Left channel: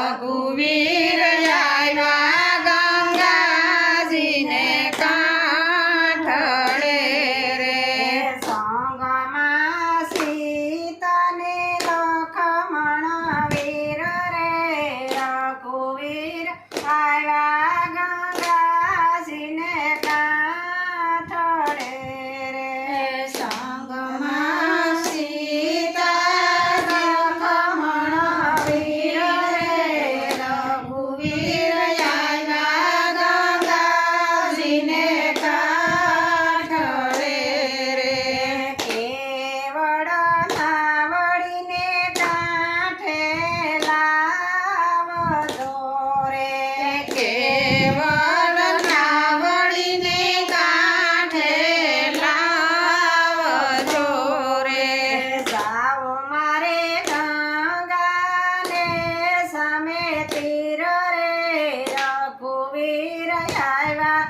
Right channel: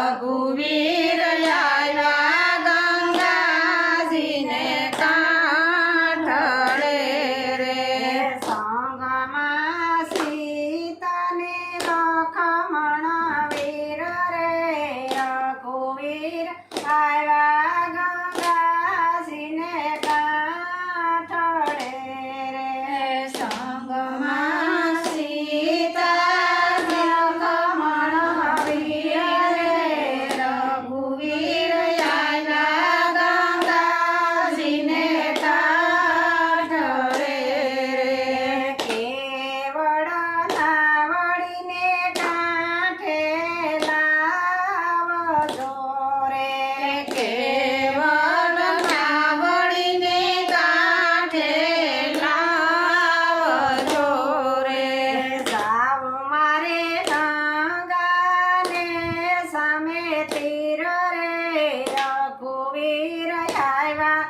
રઘુવીર આવ્યા ગંગાજીને કાંઠળે રે સંગમાં સીતાને લખમણ વીર રે રઘુવીર આવ્યા ગંગાજીને કાંઠળે રે સંગમાં સીતા લખમણ વીર રે રઘુવીર આવ્યા ગંગાજીને કાંઠળે રે કેવળ નાવડીને કાંઠે લાવજો રે કેવળ નાવડીને કાંઠે લાવજો રે જાવ મારે ગંગાને સામે તીર રે રઘુવીર આવ્યા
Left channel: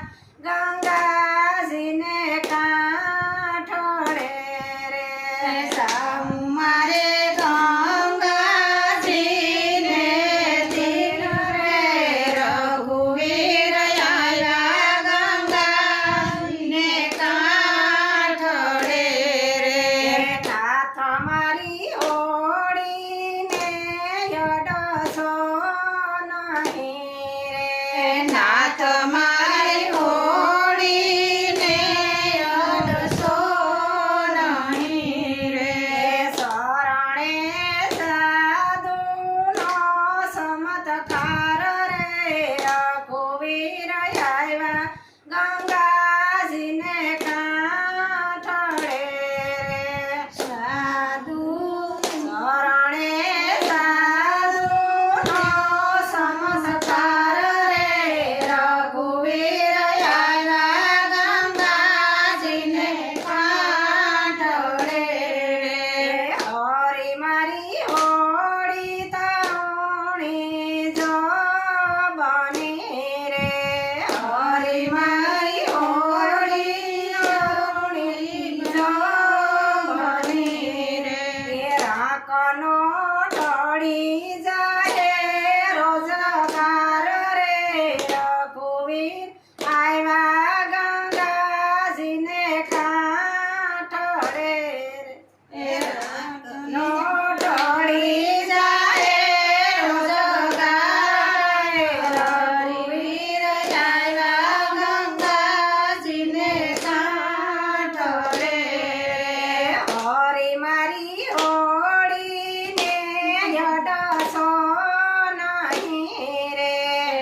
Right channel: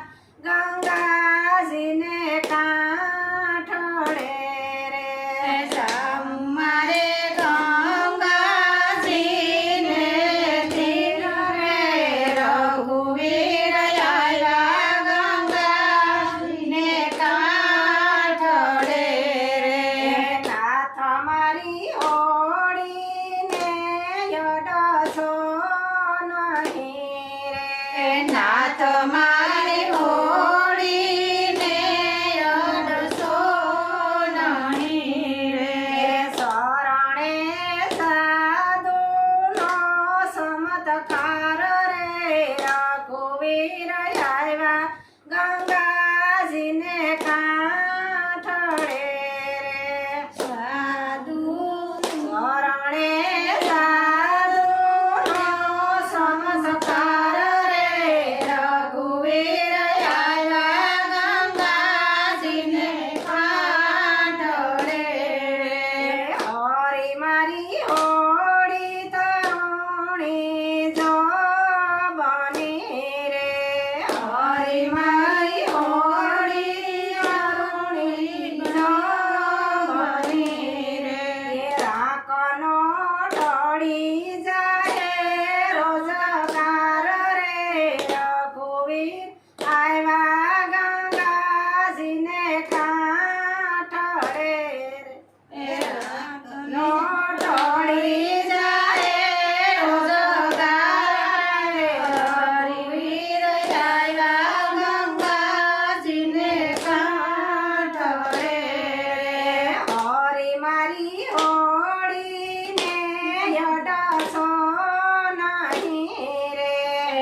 ગંગાજીને કાંઠળે રે મારે ગંગાજીને તીર રે રઘુવીર આવ્યા ગંગાજીને કાંઠળે રે નાથ મારી ઓળીને યડસો નહીં રે નાથ મારી હોળીને અડસો નહીં રે શરણે સાધુનો ચમત્કાર રે રઘુવીર આવ્યા ગંગાજીને કાંઠળે રે સાધુ શરણે સાધુનો ચમત્કાર રે રઘુવીર આવ્યા ગંગાજીને કાંઠળે રે હરી મારી હોળી તરુણી જો બની રે હરી મારી હોળી અરુણી જો બની રે રાખનો ઢળી જાય રોજગાર રે રઘુવીર આવ્યા ગંગાજીને કાંઠળે રે નો ઢળી જાય રોજગાર રે રઘુવીર આવ્યા ગંગાજીને કાંઠળે રે હરી મારી હોળીને યડસો નહીં રે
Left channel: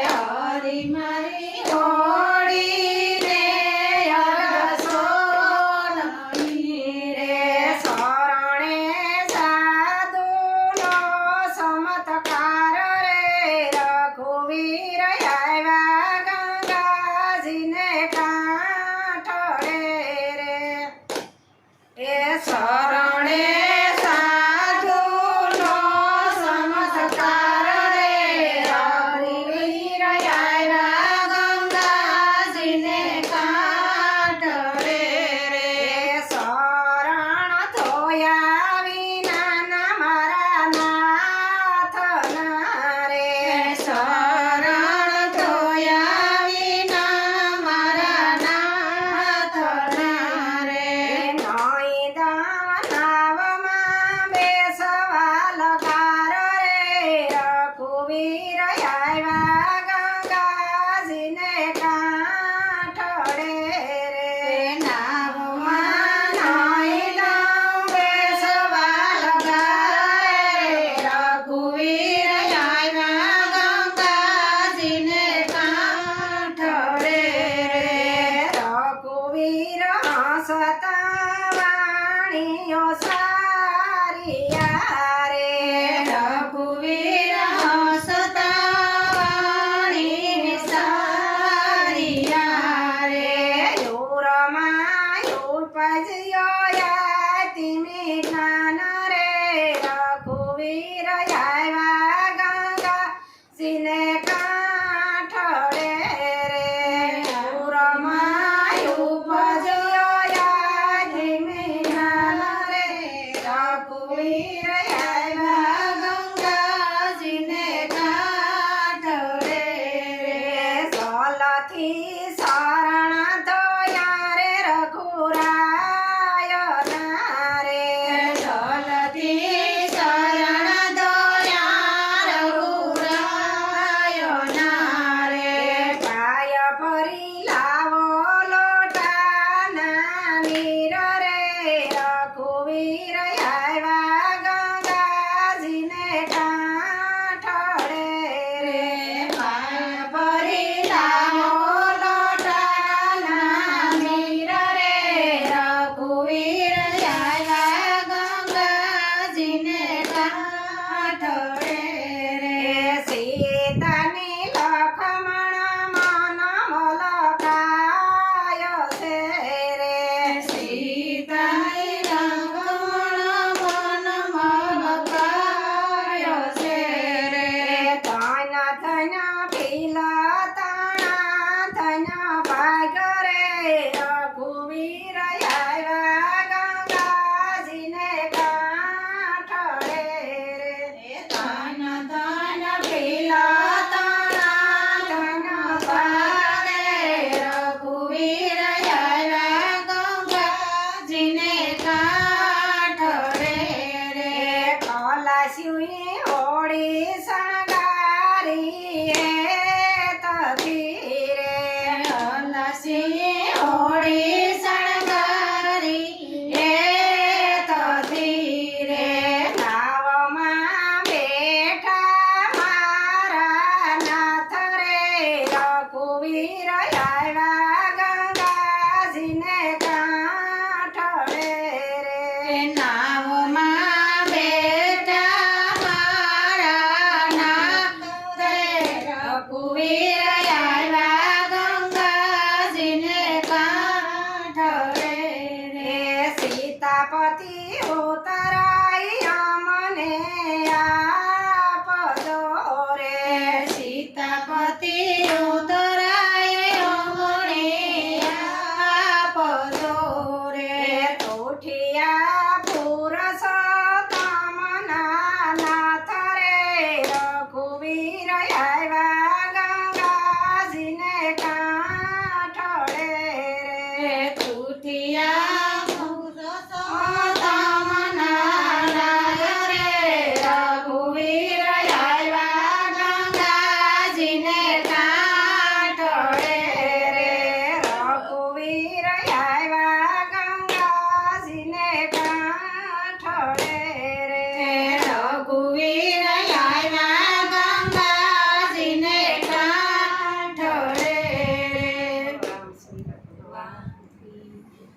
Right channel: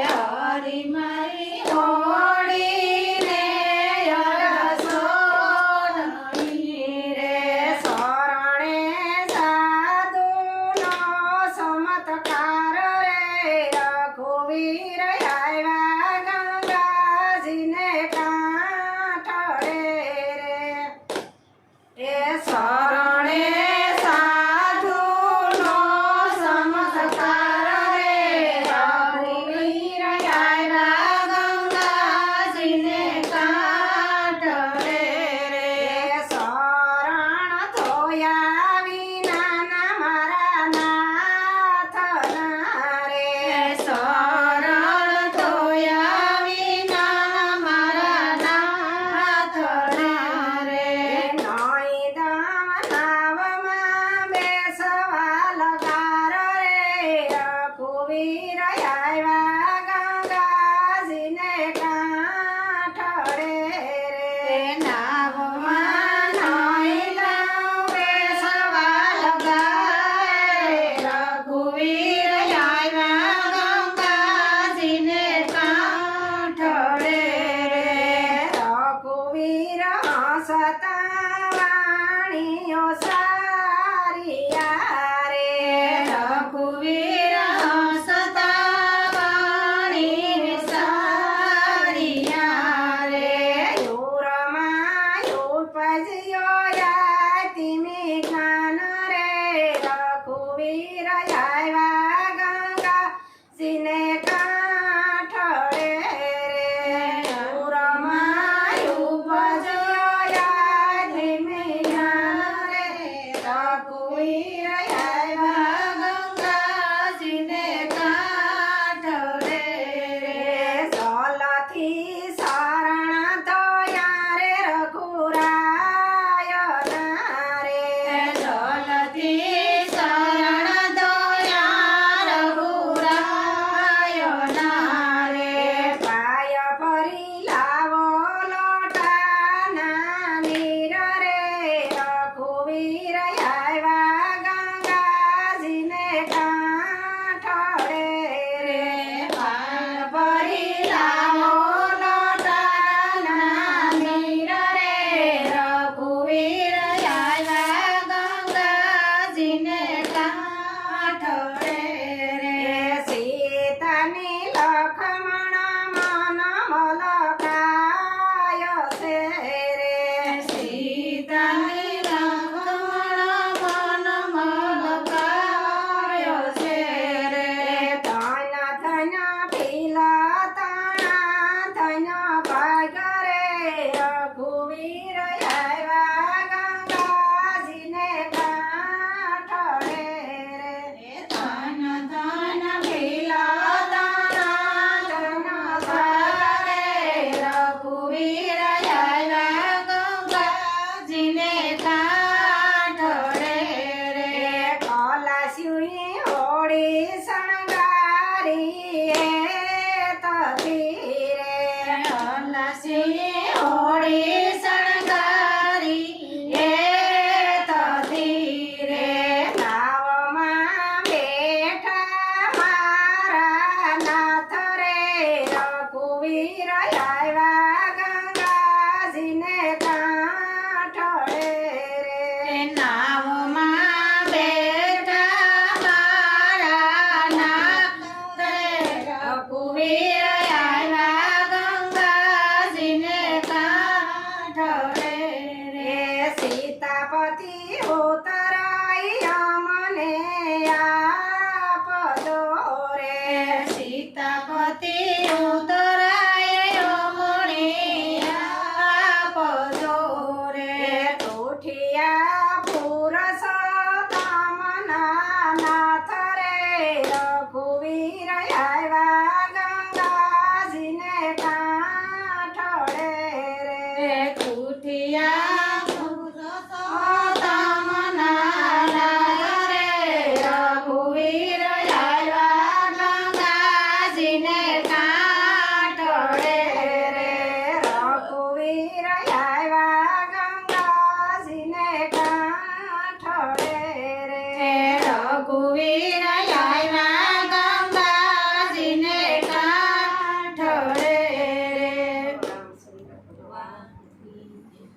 હરી મારી હોળીને અડસો નહીં રે શરણે સાધુનો ચમત્કાર રે રઘુવીર આવ્યા ગંગાજીને કાંઠળે રે એ શરણે સાધુનો ચમત્કાર રે રઘુવીર આવ્યા ગંગાજીને કાંઠળે રે શરણ થયા વિના મારા નાથના રે શરણ ધોયા વિના મારા નાથના રે નોઈ દાનવમાં બેસવા લગાર રે રઘુવીર આવ્યા ગંગાજીને કાંઠળે રે નાવમાં નાઈ લઉં બેસવા લગાય રઘુવીર આવ્યા ગંગાજીને કાંઠળે રે રઘુવીર હસતા વાણીઓ સારિયા રે રઘુવીર હસતા વાણી સારિયા રે યુરમાં ઉપજ્યો યાતિમી જ્ઞાન રે રઘુવીર આવ્યા ગંગાજીને કાંઠળે રે યુરમાં ઉપજ્યો યાતિમી જ્ઞાન રે રઘુવીર આવ્યા ગંગાજીને કાંઠળે આવ્યા